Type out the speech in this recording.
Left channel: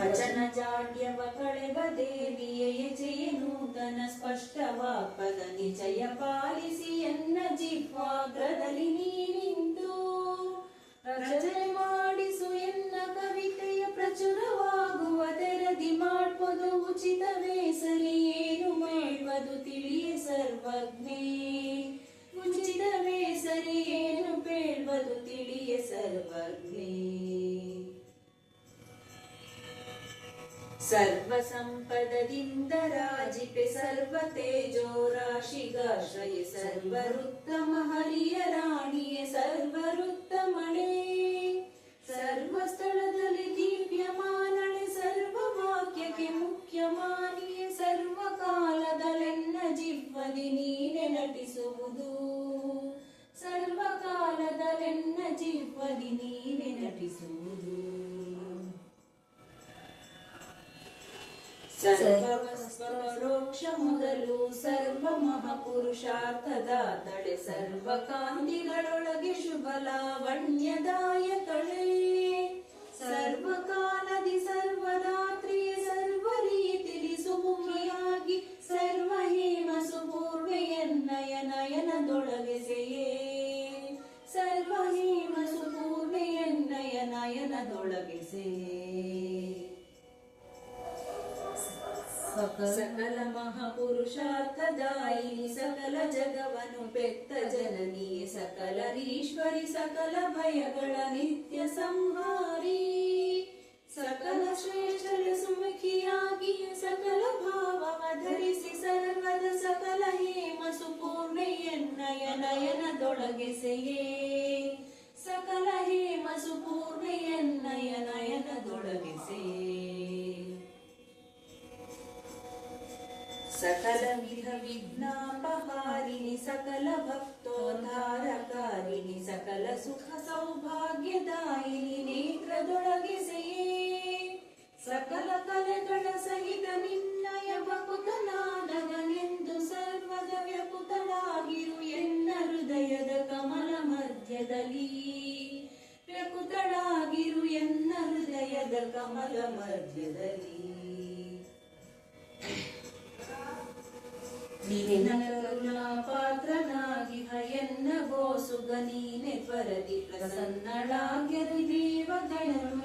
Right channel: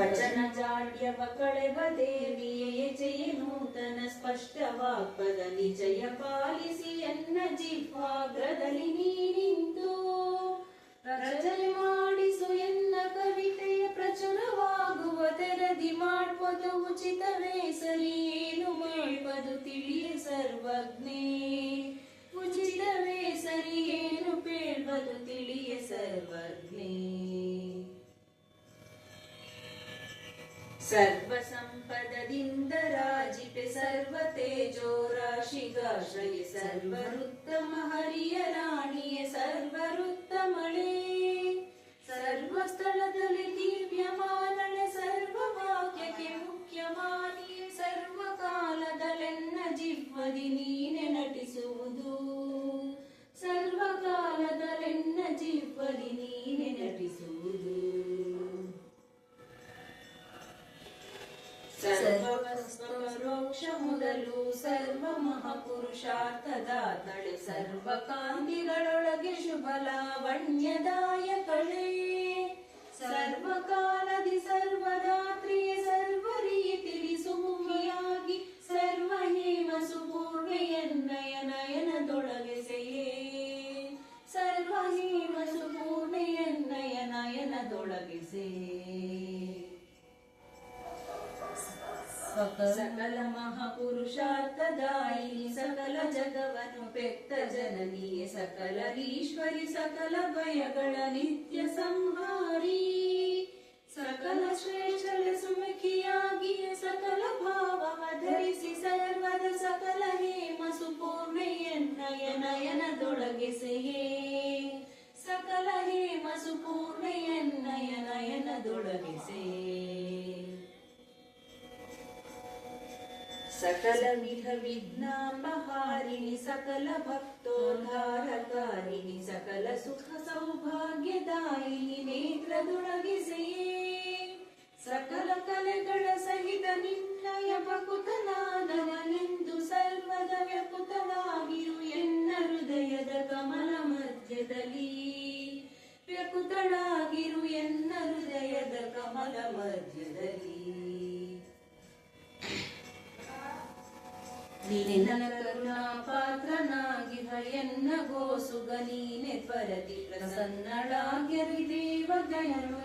ವಚನ ಜಾಡ್ಯವ ಕಳೆಬದೆ ನಿಯೇ ನೂತನ ಸ್ಪಷ್ಟವಾಗ್ಪದ ನಿಜಯ ಪಾಲಿಸಿ ಎನ್ನ ಜಿಹ್ವಾಗ್ರದಲ್ಲಿ ನೀನಿಂದು ರಚನೆ ಮಾಡಿಸು ಎನ್ನ ಕವಿತೆಯ ಪ್ರಚುರವಾಗುವ ತೆರದಿ ಮಾಡ್ಬೋದು ಉಚಿತವೇ ಸರಿ ಏನು ಬೇಡ್ಬೋದು ತಿಳಿಯೇ ಸರ್ವಜ್ಞೇ ಉಚಿತವೇ ಸರಿ ಏನು ಬೇಡ್ಬೋದು ತಿಳಿಯೇ ಸರ್ವಜ್ಞೇ ಸರ್ವ ಸಂಪದದಿಂದ ರಾಜಿಪೆ ಸರ್ವ ತೇಜೋ ರಾಶಿಗಾಶ್ರಯ ಸರ್ವರುತ್ತಮ ಹರಿಯ ರಾಣಿಯೇ ಸರ್ವರುತ್ತಮಳೆ ಸರ್ವ ಸ್ಥಳದಲ್ಲಿ ದಿವ್ಯಮಾನಳೆ ಸರ್ವ ವಾಕ್ಯಕ್ಕೆ ಮುಖ್ಯಮಾನಿಯೇ ಸರ್ವ ಕಾಲದಲ್ಲೆನ್ನ ಜಿಹ್ವದಿ ನೀನೆ ನಟಿಸುವುದು ಸರ್ವ ಕಾಲದಲ್ಲೆನ್ನ ಜಿಹ್ವದಿ ನೀನೆ ನಟಿಸುವುದು ಸರ್ವಪರೋಕ್ಷ ಮೊದಲು ಸರ್ವ ಮಹಾಪುರುಷಾರ್ಥದ ತಡೆ ಸರ್ವ ಕಾಂತಿಗಳೊಳಗೆ ಶುಭ ಲಾವಣ್ಯದಾಯಕಳೇ ಸರ್ವಕಾಲದಿ ಸರ್ವರಾತ್ರಿಯ ಸರ್ವ ರೀತಿಲಿ ಸುಮುಖಿಯಾಗಿ ಸರ್ವ ಹೇಮ ಸುಪೂರ್ಣೆಯನ್ನಯ ನಯನದೊಳಗೆಸೆಯೇ ಸರ್ವ ಹೇಮ ಸುಪೂರ್ಣೆಯನ್ನಯ ನಯನದೊಳಗೆಸೆಯೇ ಸಕಲ ಮಹಾಪುರುಷಾರ್ಥದಾಯಿನಿ ಸಕಲ ಜಗವನ್ನು ಪೆತ್ತ ಜನನಿಯೇ ಸಕಲರೀಶ್ವರಿ ಸಕಲ ಭಯಗಳ ನಿತ್ಯ ಸಂಹಾರಿ ಸಕಲ ಶ್ರೇಷ್ಠರ ಸುಮುಖಿಯಾಗಿ ಸಕಲ ಭಾವವ ಧರಿಸಿ ಸರ್ವದ ಸಕಲ ಹೇಮ ಸುಪೂರ್ಣೆಯನ್ನಯ ನಯನದೊಳಗೆಸೆಯೇ ಸಕಲ ಹೇಮ ಸುಪೂರ್ಣೆಯನ್ನಯ ನಯನದೊಳಗೆಸೆಯೇ ಸಕಲ ವಿಧ ವಿಘ್ನಾಪಹಾರಿಣಿ ಸಕಲ ಭಕ್ತೋದ್ಧಾರಕಾರಿಣಿ ಸಕಲ ಸುಖ ಸೌಭಾಗ್ಯದಾಯಿನಿ ನೇತ್ರದೊಳಗೆಸೆಯೇ ಸಕಲ ಕಲೆಗಳ ಸಹಿತ ನಿನ್ನಯ ಭಕುತನಾದವನೆಂದು ಸರ್ವದ ವ್ಯಕುತಳಾಗಿರು ಎನ್ನ ಹೃದಯದ ಕಮಲ ಮಧ್ಯದಲ್ಲಿ ವ್ಯಕುತಳಾಗಿರು ಎನ್ನ ಹೃದಯದ ಕಮಲ ಮಧ್ಯದಲ್ಲಿ ನೀನೆ ನನ್ನ ಕರುಣಾ ಪಾತ್ರನಾಗಿ ಎನ್ನ ಗೋಸುಗ ನೀನೆ ಪರತಿ ಪ್ರಸನ್ನಳಾಗ್ಯರಿ ದೇವಗಣರು